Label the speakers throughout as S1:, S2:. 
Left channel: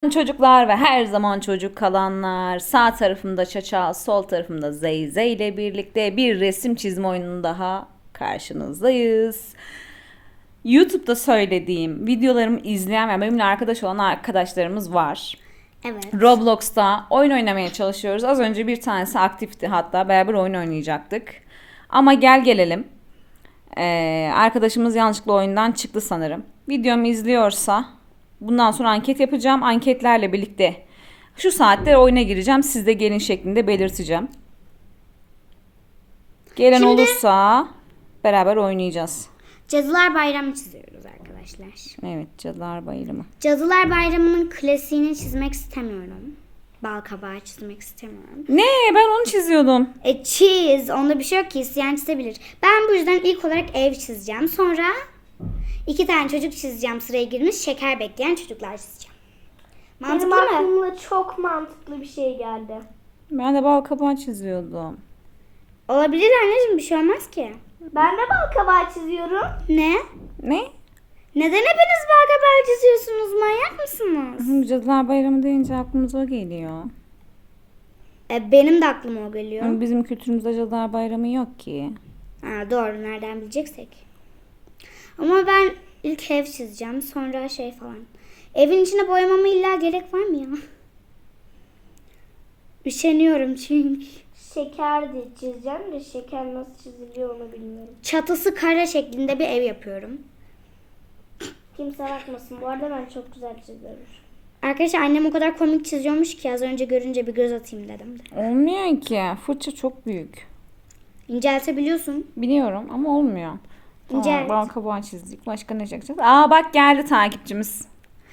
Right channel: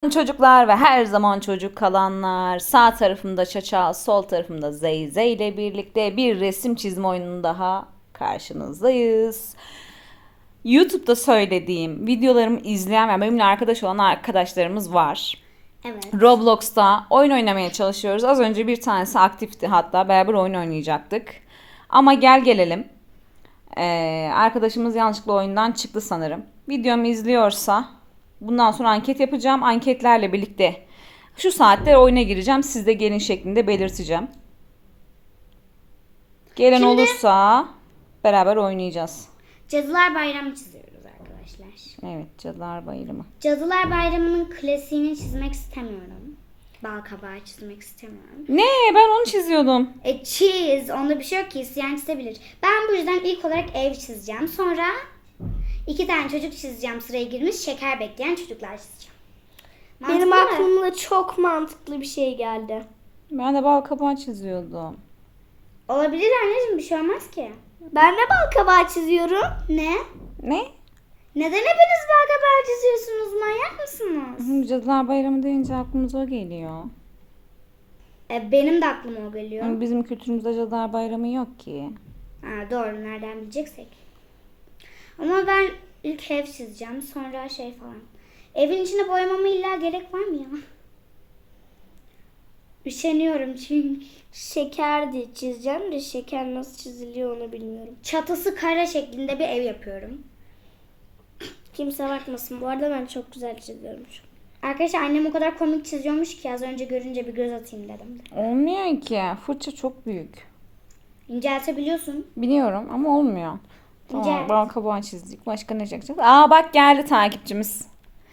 S1: Çocuklar ve her zaman çocuk kalanlar, sağ tarafımda Çaça, sol tarafımda Zeyze ile birlikte bir resim çizme oyunun daha karşınızdayız. YouTube'da söylediğim videolarımı izleyen ve benimle arkadaş olan arkadaşlarımız var.
S2: Evet.
S1: Roblox'ta oyun oynamaya çalışıyoruz. Az önce bir tanesi aktifti, hatta beraber oyun oynayacaktık. Ama gel gelelim. Arkadaşımız yanlışlıkla oyundan çıktı sanırım. Videomu izliyorsa bundan sonra anket yapacağım. Anketlerle birlikte şu saatte oyuna gireceğim. Siz de gelin şeklinde belirteceğim. Gelen olursa beraber oynayacağız.
S2: Cadılar Bayramı çiziyoruz arkadaşlar.
S1: Evet, Cadılar Bayramı.
S2: Cadılar Bayramı'nın klasiğini çizmek istemiyorum. Bal kabağı çizmek istemiyorum.
S1: Ne? Ben onu çiziyordum.
S2: Çiz. Onda bir şey yok ki. İsteyen çizebilir. Ben bu yüzden ilk olarak ev çizeceğim. Sonra 2 tane çocuk çizeceğim. Sıraya girmiş şeker bekleyen çocuklar çizeceğim.
S3: Benim
S2: Mantıklı mı?
S3: aklıma çok mantıklı bir şey geldi.
S1: Ben de bal kabağı çiziyordum.
S2: Olabilir anneciğim, bir şey olmaz ki.
S3: Ben de bal kabağı çiziyorum.
S2: Ne?
S1: Ne?
S2: Neden hepiniz bal kabağı çiziyorsunuz? Manyak mısınız?
S1: Cadılar Bayramı deyince aklımıza o geliyor.
S2: Benim de aklıma o geliyor.
S1: Bizim kültürümüzde Cadılar Bayramı yok ki.
S2: Ha, doğru, nereden bileceksek. Ama ben ilk ev çizeceğim, sonra şey falan. Evin içine boyamama illa gerek var mı ya? Üşeniyorum çünkü.
S3: Şeker de çizeceğim de şeker nasıl çiziliyor onu bilmiyorum.
S2: Çatısı kare şeklinde bir ev yapıyorum.
S3: Kimse bakmasın. Bu arada ben çok güzel çiziyorum.
S2: Arkadaşlar annem o kadar komik çiziyormuş ki az önce görünce bir göz atayım dedim de.
S1: Olmuyor ki. Fırça çok büyük.
S2: İnceltebiliyorsun.
S1: Biliyorum ama olmuyor. Tamam,
S2: İnce.
S1: bal kabağı çizdik. Başka ne çekeceğiz? Aa bak, geldi takipçimiz.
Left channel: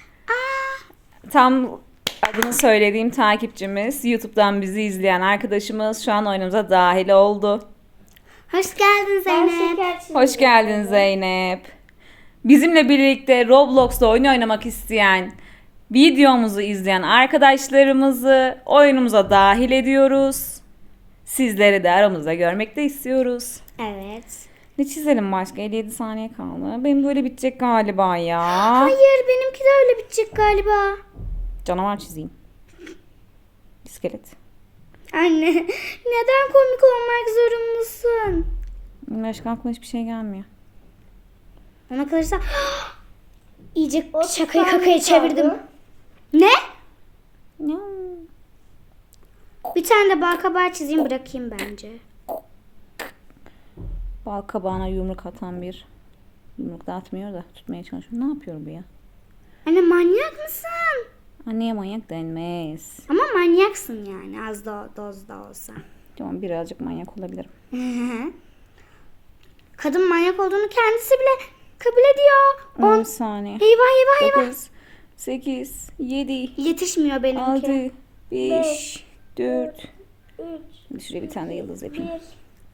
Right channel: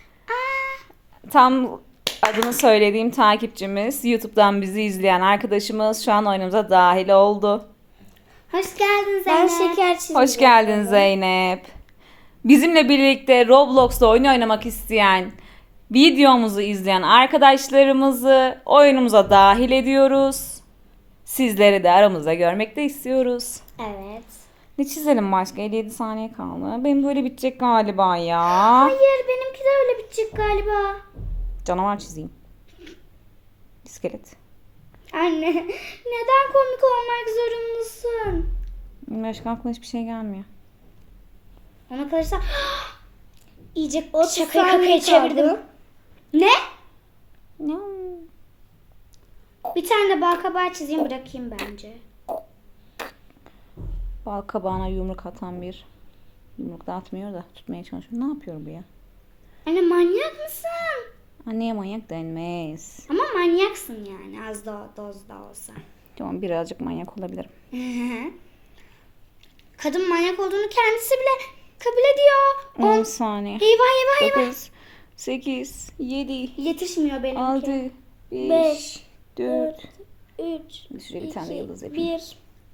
S1: Tam adını söylediğim takipçimiz. YouTube'dan bizi izleyen arkadaşımız şu an oyunumuza dahil oldu.
S2: Hoş geldin
S3: Ben
S2: Zeynep.
S3: şeker çizdim.
S1: Hoş geldin Zeynep. Bizimle birlikte Roblox'ta oyun oynamak isteyen, videomuzu izleyen arkadaşlarımızı oyunumuza dahil ediyoruz. Sizleri de aramızda görmek de istiyoruz.
S2: Evet.
S1: Ne çizelim başka? 57 saniye kaldı. Benim böyle bitecek galiba ya.
S2: Hayır, benimki de öyle bitecek galiba.
S1: Canavar çizeyim. İskelet.
S2: Anne, neden komik olmak zorundasın?
S1: Başka aklıma hiçbir şey gelmiyor.
S2: Ona kalırsa iyice
S3: 30
S2: şakayı
S3: saniye
S2: kakaya
S3: kaldı.
S2: çevirdim. Ne?
S1: Ya.
S2: Bir tane de bal kabağı çizeyim, bırakayım bence.
S1: Bal kabağına yumruk atan bir. Yumruk da atmıyor da tutmaya çalışıyor. Ne yapıyor bu ya?
S2: Anne, manyak mısın?
S1: Anneye manyak denmez.
S2: Ama manyaksın yani, az da dozda olsa.
S1: Tamam, birazcık manyak olabilirim.
S2: Kadın manyak olduğunu kendisi bile kabul ediyor.
S1: 10 saniye.
S2: Eyvah eyvah eyvah.
S1: 9, 8, 7,
S2: Yetişmiyor benimki.
S1: 6, 5,
S3: Beş,
S1: 4.
S3: 3,
S1: Şuraya bir tane de yıldız yapayım.
S3: 1.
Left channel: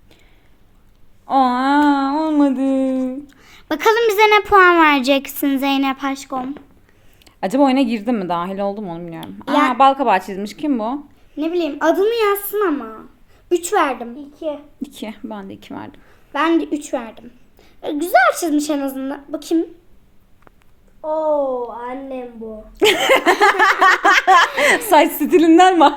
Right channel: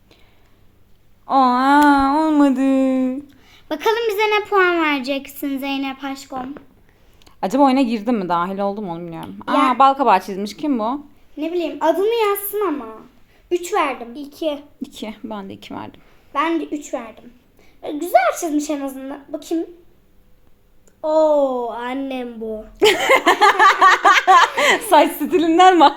S1: Aa, olmadı.
S2: Bakalım bize ne puan vereceksin Zeynep aşkım.
S1: Acaba oyuna girdim mi? Dahil oldum onu bilmiyorum. Aa,
S2: Ya-
S1: bal kabağı çizmiş. Kim bu?
S2: Ne bileyim, adını yazsın ama. 3 verdim.
S3: 2.
S1: 2. Ben de 2 verdim.
S2: Ben de 3 verdim. Güzel çizmiş en azından. Bakayım.
S3: Oo, annem bu.
S1: Saç stilinden mi?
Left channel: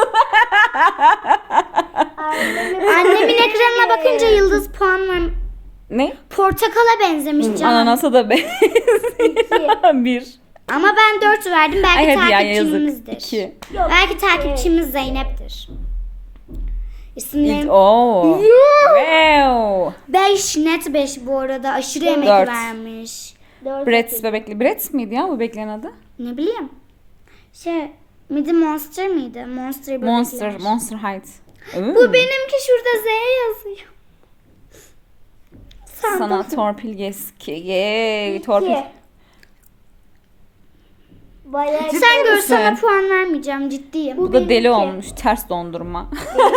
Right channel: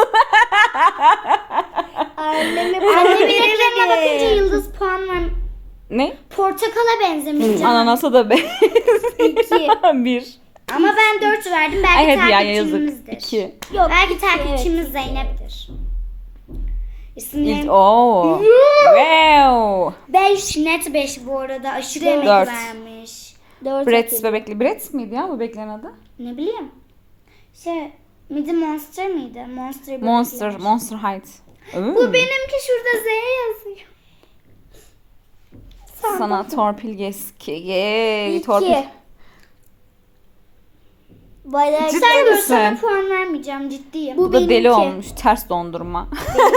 S2: Annemin ekranına bakınca yıldız puan ver.
S1: Ne?
S2: Portakala benzemiş canım.
S1: Ananasa da be.
S3: 2.
S1: 1.
S2: Ama ben 4 verdim. Belki
S1: Ay hadi ya, yazık.
S2: takipçimizdir.
S1: 2.
S2: Belki takipçimiz Zeynep'tir. İsimlerim
S1: Oo. Wow.
S2: 5, net 5 bu arada. Aşırı emek
S1: Dört.
S2: vermiş.
S3: 4.
S1: Bratz bebekli. Bratz miydi ya bu bebeklerin adı?
S2: Ne bileyim. Midi Monster mıydı? Monster.
S1: Monster.
S2: bebekler.
S1: Monster Height.
S2: Bu benimki, şurada Z yazıyor.
S1: Sana torpil geski. Yay, torpil.
S3: 2. Bayağı
S1: Ciddi
S2: Sen gör, sana
S1: misin?
S2: puan vermeyeceğim, ciddiyim.
S1: Bu da deli
S3: benimki.
S1: olmuş. Ters dondurma.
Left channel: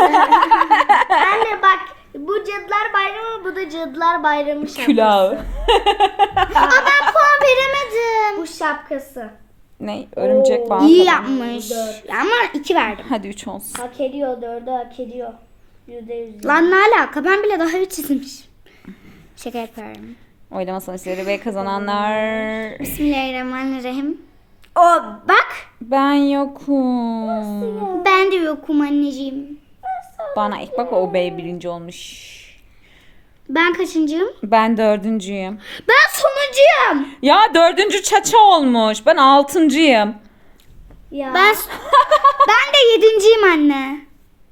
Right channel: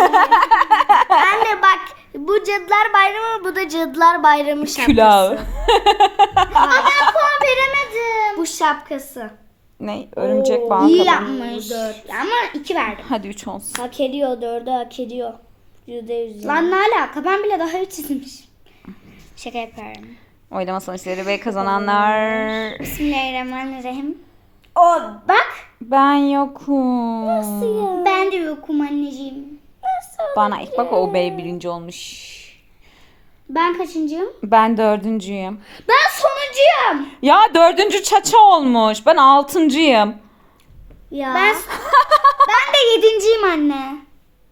S3: Anne bak, bu Cadılar Bayramı, bu da Cadılar Bayramı şapkası.
S1: Külahı.
S2: Ben puan veremedim.
S3: Bu şapkası.
S1: Ne? Örümcek bal
S2: İyi
S1: kabağı.
S2: yapmış. Ama 2 verdim.
S1: Hadi 3 olsun.
S3: Hak ediyor, 4'ü hak ediyor. %100.
S2: Lan ne alaka? Ben bile daha iyi çizmiş. Şaka yapıyorum.
S1: Oylama sonuçları ve kazananlar.
S2: Bismillahirrahmanirrahim. O bak.
S1: Ben yokum.
S2: Ben de yokum anneciğim.
S1: Bana ilk bak o bey birinci olmuş.
S2: Ben kaçıncıyım?
S1: Ben dördüncüyüm.
S2: Ben sonuncuyum.
S1: Ya dördüncü Çaça olmuş. Ben altıncıyım.
S3: Ya.
S2: Ben de yedinciyim anne.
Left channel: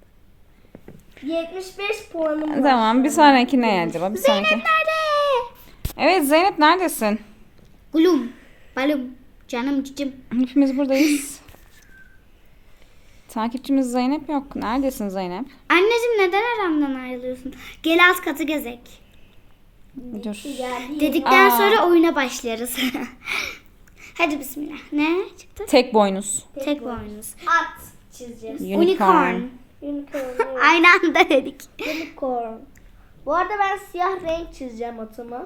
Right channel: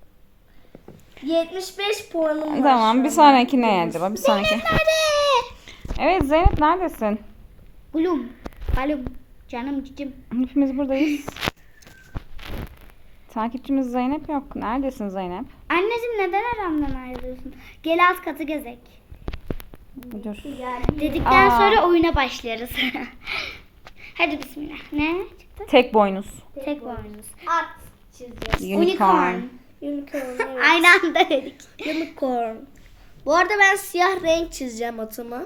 S3: 75 puanım var.
S1: Tamam bir sonraki ne acaba? Bir sonraki.
S2: Nerede?
S1: Evet Zeynep neredesin?
S2: Gülüm. Balım. Canım cicim.
S1: Hepimiz buradayız. Takipçimiz Zeynep yok. Neredesin Zeynep?
S2: Anneciğim neden aramdan ayrılıyorsun? Gel alt katı gezek.
S1: Dur.
S2: Dedikten
S1: Aa.
S2: sonra oyuna başlarız. Hadi bismillah. Ne çıktı?
S1: Tek boynuz.
S2: Tek boynuz.
S3: At çizeceğiz.
S1: Unicorn.
S3: Unicorn. Evet.
S2: Aynı anda dedik.
S3: Unicorn. Bu arada ben siyah renk çizeceğim atıma.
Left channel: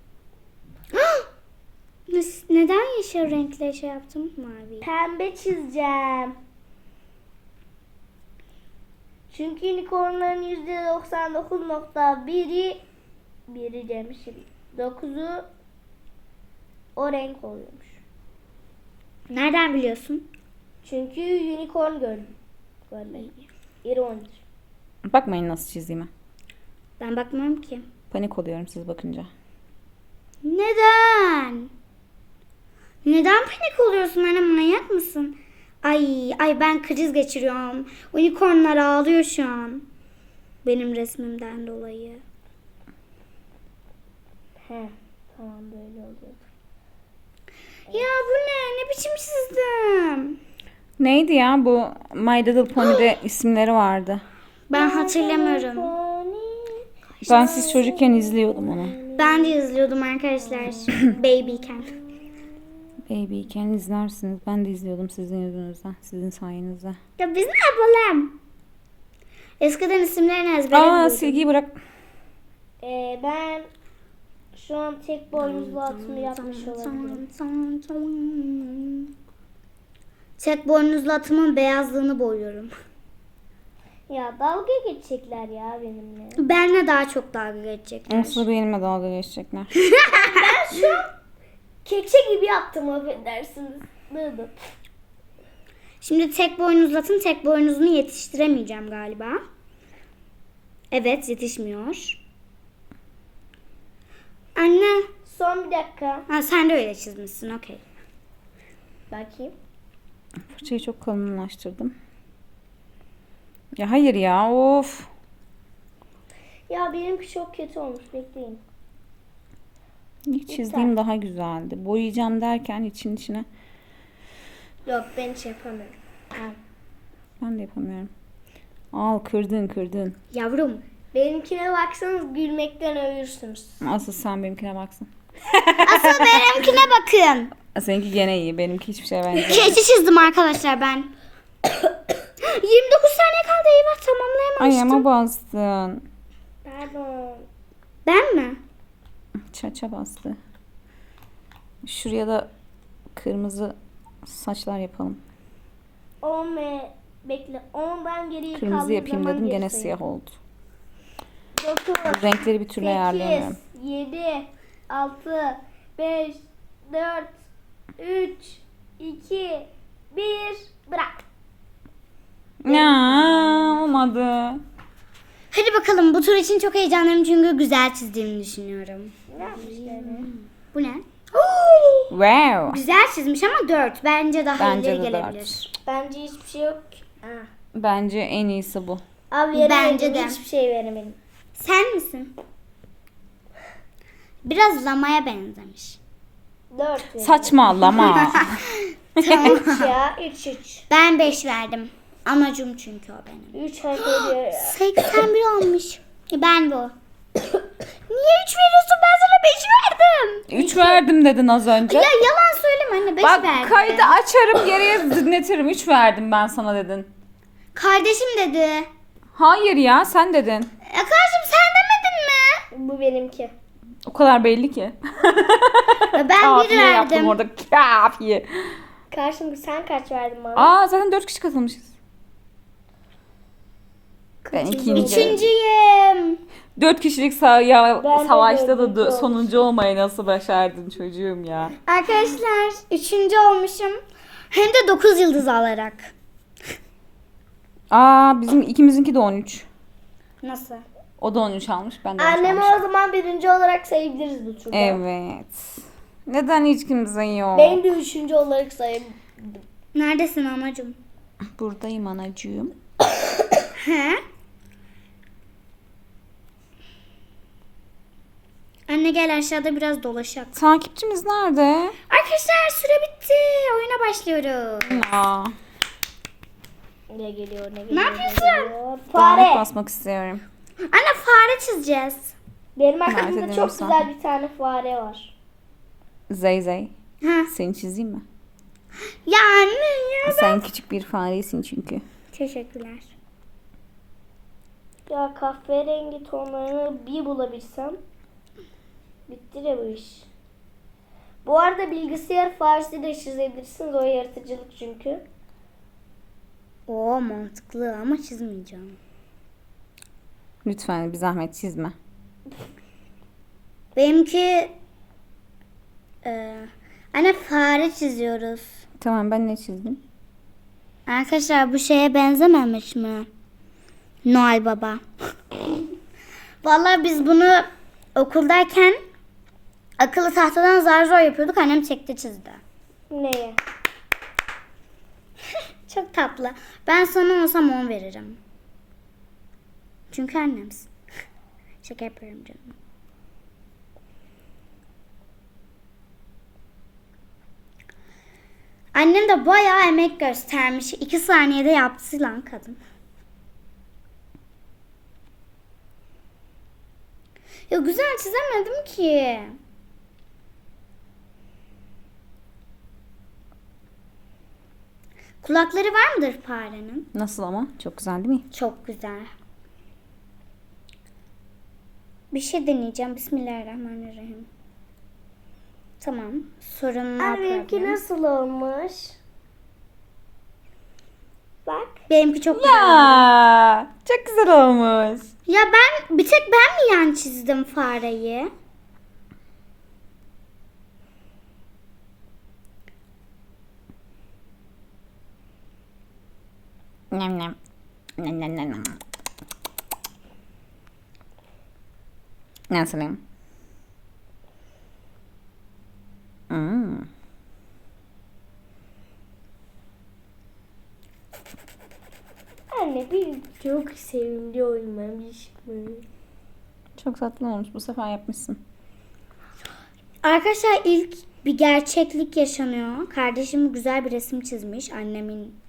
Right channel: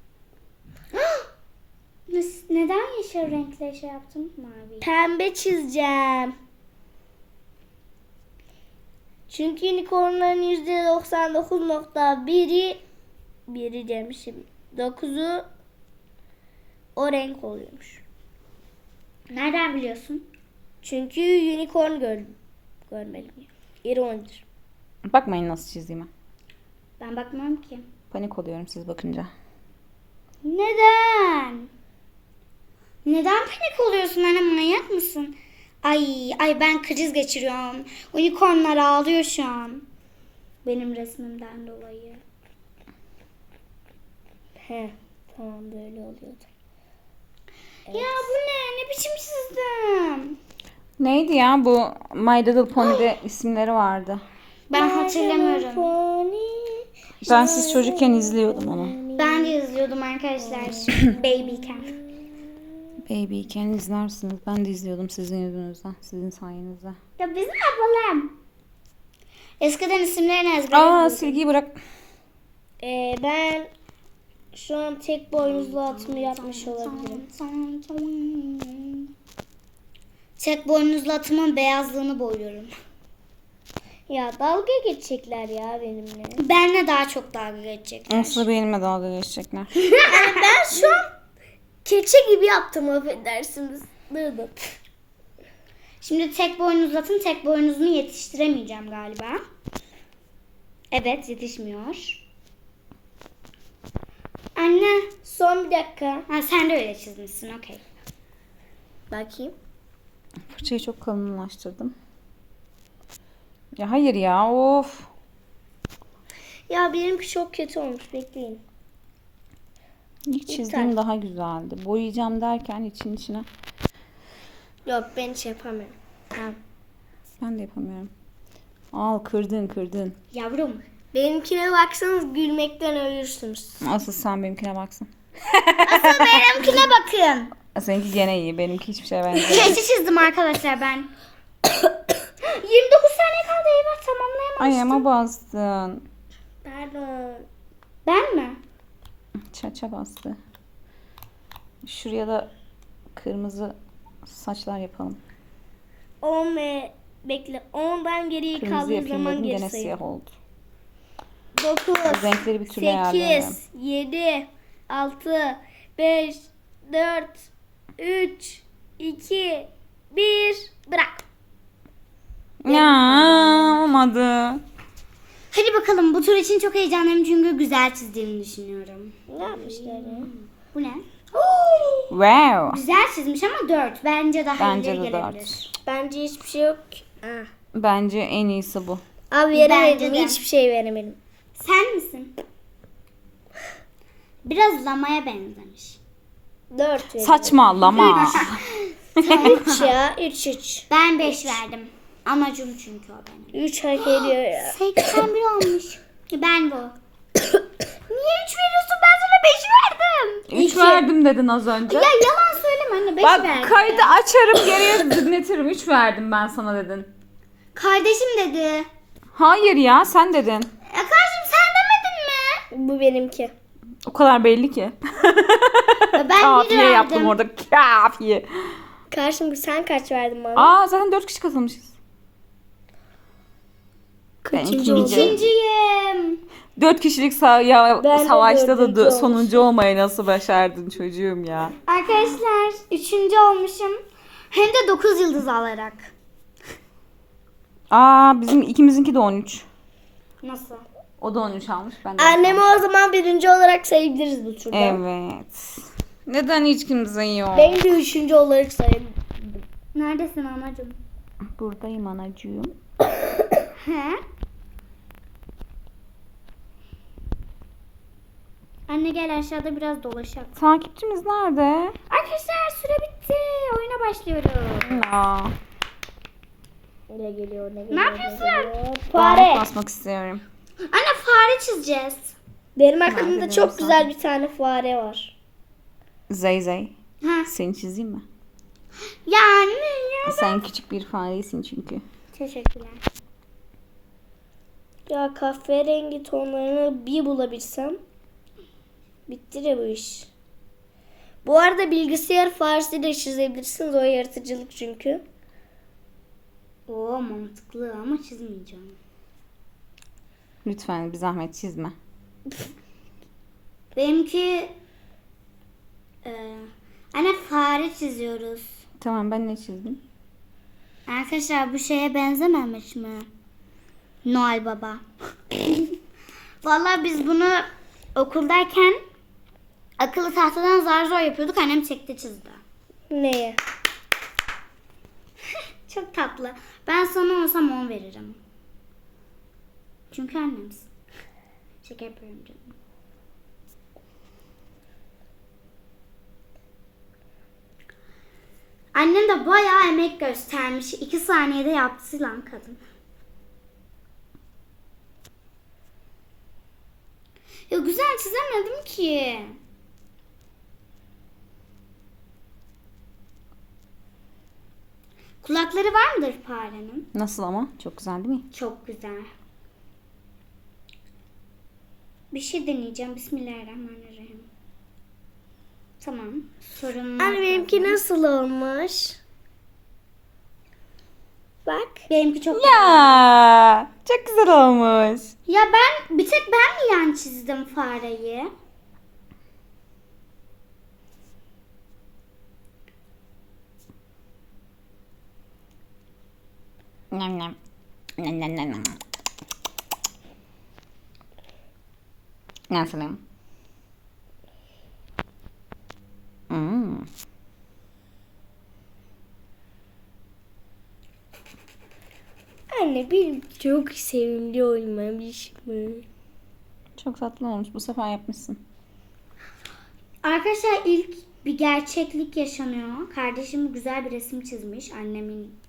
S2: Neden yeşil renkle şey yaptım? Mavi.
S3: Pembe çizeceğim. Çünkü unicornların %99.1'i demişim. 9'u o renk oluyormuş.
S2: Nereden biliyorsun?
S3: Çünkü unicorn görmedim. İronidir.
S1: Bakmayın nasıl çizdiğime.
S2: Ben bakmam ki.
S1: Panik oluyorum siz bakınca.
S2: Neden? Neden panik oluyorsun anne, manyak mısın? Ay ben kriz geçiriyorum. Unicornlar ağlıyor şu an. Benim resmimden dolayı.
S3: He, tamam böyle oluyordu.
S2: Ya bu ne? Ne biçim çizdim?
S1: Neydi ya bu My Little Pony'de isimleri vardı.
S2: Ben hatırlamıyorum.
S1: Ben siz çocukken izliyordum onu.
S2: Ben de izliyordum arkadaşlar. Babyken.
S1: Babyken izlersiniz. Ben de izliyordum sizin yüzünüzden. Sizin sayenizde.
S2: Ya biz ne yapalım? Eskiden isimlerini ezbere
S1: Aa
S2: biliyordum.
S1: silgiyi bırak.
S3: Ben şu an tek boynuzlu atımı yapmış olabilirim.
S2: Tek boynuzlu atımın beyazlığını boyuyorum.
S3: Ya dalga geçecekler ya benimle.
S2: Benle daha çok dalga geçecekler.
S1: Aslında benimle dalga geçecekler.
S3: Ben şu an kekçe gibi yaptım, affedersiniz. Dı.
S2: Şimdi tek boynuzlu atın tek boynuzunu yetiştiremeyeceğim galiba. Evet, yetişmiyor. Anne.
S3: Son bir dakika.
S2: Ha, sen de öyle çizmişsin, okey.
S3: Bakayım.
S1: Fırçayı çok kalınlaştırdım. Ya hayır ya of.
S3: Ya benimki çok kötü olmuş, bekleyin.
S1: İlk çizdiğim daha güzeldi. Boyayacağım derken içine.
S3: Yok, ben hiç yapamıyorum.
S1: Ben de yapamıyorum. Al kırdın.
S2: Yavrum.
S3: Benimkine baksanız gülmekten ölürsünüz.
S1: Asıl sen benimkine baksın.
S2: Asıl benimkine bakın.
S1: Seninki gene iyi. Benimki hiçbir şeye benzemiyor.
S2: Keçi çizdim arkadaşlar ben. 29 saniye kaldı, eyvah tamamlayamamıştım.
S1: Ayağıma bastın.
S3: Pardon.
S2: Ben mi?
S1: Çaça bastı. Şuraya da kırmızı saçlar yapalım.
S3: 10 ve bekle. 10'dan geriye
S1: Kırmızı
S3: kaldığı
S1: yapayım
S3: zaman
S1: dedim
S3: geri
S1: gene
S3: sayın.
S1: siyah oldu.
S3: 9,
S1: Renkleri bir türlü ayarlayamıyorum.
S3: 8, 7, 6, 5, 4, 3, 2, 1, bırak.
S1: Ya olmadı.
S2: Hadi bakalım, bu tur için çok heyecanlıyım çünkü güzel çizdiğimi düşünüyorum.
S3: Ne yapmışlar?
S2: Bu ne?
S1: Wow.
S2: Güzel çizmiş ama 4. Bence daha
S1: Bence
S2: ileri
S1: de
S2: gelebilir.
S1: 4.
S3: Bence hiçbir şey yok ki.
S1: Bence en iyisi bu.
S3: Abi
S2: Bence
S3: veremedim.
S2: de.
S3: Hiçbir şey veremedim.
S2: Sen misin? Biraz lamaya benzemiş.
S3: 4 verelim.
S1: Saçmalama.
S3: 3 ya. 3.
S2: Ben 5 verdim. Amacım çünkü o benim.
S3: 3 hak ediyor ya.
S2: 81 olmuş. Ben bu. Niye 3 veriyorsun? Ben sana 5 verdim.
S1: 3 verdim dedin az önce.
S2: Ya yalan söyleme anne, 5
S1: Bak
S2: verdim.
S1: kaydı açarım geriye dinletirim. 3 verdim ben sana dedin.
S2: Kardeşim dedi.
S1: Hayır ya sen dedin.
S2: Kardeşim sen demedin mi?
S3: Bu benimki.
S1: O kadar belli ki.
S2: Ben 1
S1: Kafiye
S2: verdim.
S1: yaptım orada. Kafiye.
S3: Karşım sen kaç verdin bana?
S1: Aa zaten 4 kişi katılmışız. Ben ikinci.
S2: İkinciyim.
S1: 4 kişilik
S3: Ben de
S1: savaşta da
S3: dördüncü
S1: sonuncu olmayı nasıl başardın çocuğum ya.
S2: Arkadaşlar 3. olmuşum. Hem de 9 yıldız alarak.
S1: Aa, bizim ikimizinki de 13.
S2: Nasıl?
S1: O da 13 almış. Ben de 13
S3: Annemi
S1: almışım.
S3: o zaman birinci olarak sayabiliriz bu turda.
S1: Evet. Neden hiç kimse yok?
S3: Beni de üçüncü olarak sayabiliriz.
S2: Neredesin anacığım?
S1: Buradayım anacığım.
S2: He? Anne gel aşağıda biraz dolaşalım.
S1: Takipçimiz nerede?
S2: Arkadaşlar süre bitti. Oyuna başlıyorum.
S1: Aa,
S3: Ne geliyor ne geliyor.
S2: Ne yapıyorsun?
S3: geliyor?
S1: fare
S3: Fare.
S1: basmak istiyorum.
S2: Anne fare çizeceğiz.
S3: Benim
S1: Nerede
S3: aklımda
S1: benim
S3: çok
S1: sana?
S3: güzel bir tane fare var.
S1: Zey.
S2: Ha.
S1: Seni çizeyim mi?
S2: Ya anne ya.
S1: Sen küçük bir faresin çünkü.
S2: Teşekkürler.
S3: Ya kahverengi tonlarını bir bulabilsem bitti de bu iş. Bu arada bilgisayar faresi de çizebilirsiniz. O yaratıcılık çünkü.
S2: Oo mantıklı ama çizmeyeceğim.
S1: Lütfen bir zahmet çizme.
S2: Benimki anne fare çiziyoruz.
S1: Tamam, ben ne çizdim?
S2: Arkadaşlar bu şeye benzememiş mi? Noel Baba. Vallahi biz bunu okuldayken akıllı tahtadan zar zor yapıyorduk. Annem çekti çizdi.
S3: Neye?
S2: Çok tatlı. Ben sana olsam 10 veririm. Çünkü annemsin. Şaka yapıyorum canım. Annem de bayağı emek göstermiş. 2 saniyede yaptı lan kadın. Ya güzel çizemedim ki. Kulakları var mıdır farenin?
S1: Nasıl ama? Çok güzel değil mi?
S2: Çok güzel. Bir şey deneyeceğim. Bismillahirrahmanirrahim. Tamam. Sorun
S3: Anne benimki nasıl olmuş? Bak.
S2: Benimki çok güzel.
S1: Ya, çok güzel olmuş.
S2: Ya bir tek ben mi yan çizdim fareyi?
S1: Nem nem. Nem nem nem. Nasılım?
S3: Anne bir çok sevimli olmamış mı?
S1: Çok tatlı olmuş. Bu sefer yapmışsın.
S2: Arkadaşlar ilk bir gerçeklik yaşanıyor. Kardeşim güzel bir resim çizmiş annemin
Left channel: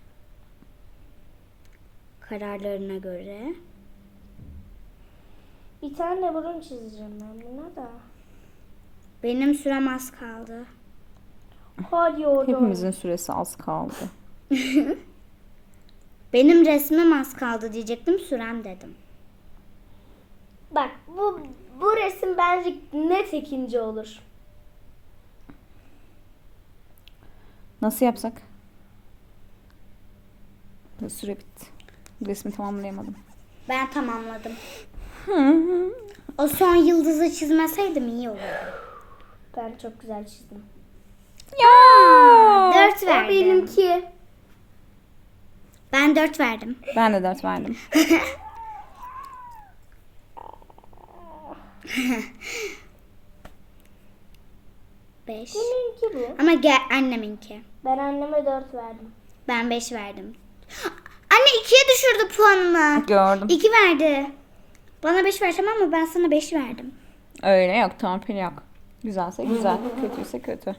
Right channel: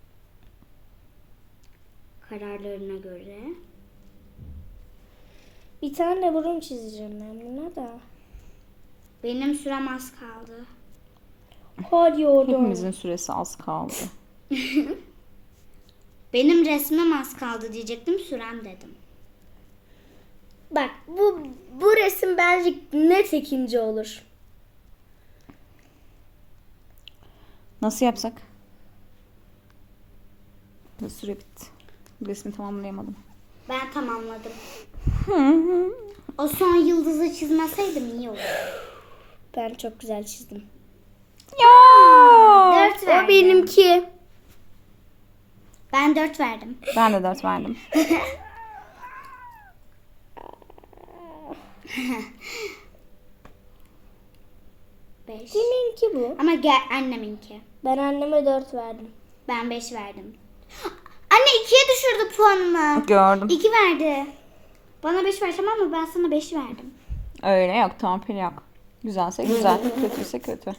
S2: kararlarına göre.
S3: Bir tane burun çizeceğim ben buna da.
S2: Benim sürem az kaldı.
S3: Hadi oğlum.
S1: Hepimizin süresi az kaldı.
S2: Benim resmim az kaldı diyecektim, sürem dedim.
S3: Bak bu resim bence net ikinci olur.
S1: Nasıl yapsak? Süre bitti. Resmi tamamlayamadım.
S2: Ben tamamladım. O son yıldızı çizmeseydim iyi olurdu.
S3: Ben çok güzel çizdim.
S1: Ya!
S2: 4 verdim.
S3: O benimki.
S2: Ben 4 verdim.
S1: Ben de 4 verdim.
S2: Beş.
S3: Benimki bu.
S2: Ama anneminki.
S3: Ben anneme 4 verdim.
S2: Ben 5 verdim. Anne 2'ye düşürdü puanımı.
S1: Gördüm.
S2: 2 verdi. Bana 5 ver tamam mı? Ben sana 5 verdim.
S1: Öyle yok. Torpil yok. Güzelse güzel. Kötüyse kötü.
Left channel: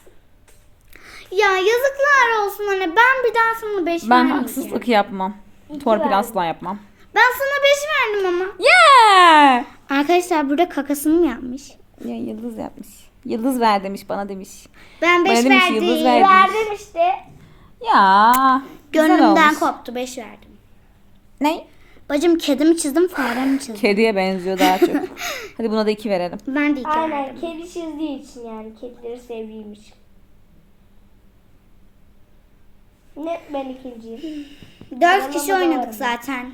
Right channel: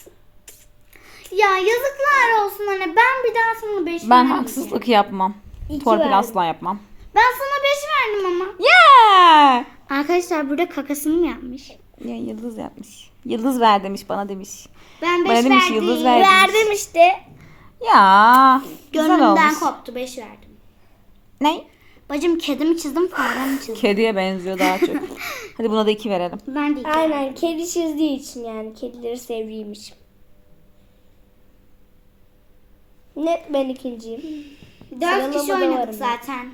S2: Ya yazıklar olsun anne. Ben bir daha sana 5 verdim.
S1: Ben haksızlık yapmam. Torpil
S3: verdim.
S1: asla yapmam.
S2: Ben sana 5 verdim ama.
S1: Yeah!
S2: Arkadaşlar burada kakasını mı yapmış?
S1: Ya yıldız yapmış. Yıldız ver demiş, bana demiş.
S2: Ben 5
S1: Bana demiş
S2: verdim.
S1: yıldız ver demiş.
S3: Verdim işte.
S1: Ya güzel
S2: Gönlümden
S1: olmuş.
S2: koptu 5 verdim.
S1: Ne?
S2: Bacım kedimi çizdim, faremi çizdim.
S1: Kediye benziyor daha çok. Hadi buna da 2 verelim.
S2: Ben de 2
S3: Aynen
S2: verdim.
S3: kedi çizdiği için yani kedileri sevdiğimiz. Net ben ikinciyim.
S2: 4 kişi
S3: Sıralama da
S2: oynadık
S3: var
S2: zaten.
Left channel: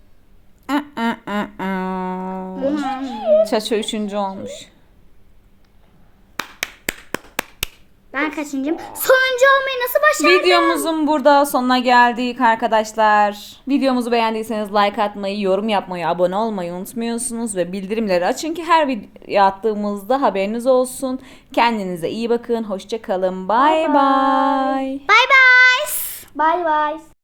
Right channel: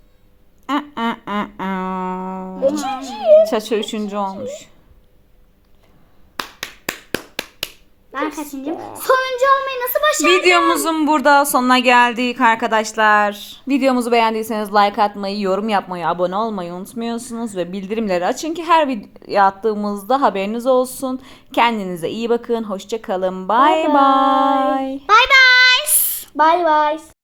S1: Çaço 3. olmuş.
S2: Ben kaçıncıyım? Sonuncu oyuncu olmayı nasıl başardın?
S1: Videomuzun burada sonuna geldik arkadaşlar. Videomuzu beğendiyseniz like atmayı, yorum yapmayı, abone olmayı unutmuyorsunuz ve bildirimleri açın ki her video attığımızda haberiniz olsun. Kendinize iyi bakın. Hoşça kalın. Bye bye.
S2: Bay bay.
S3: Bay bay.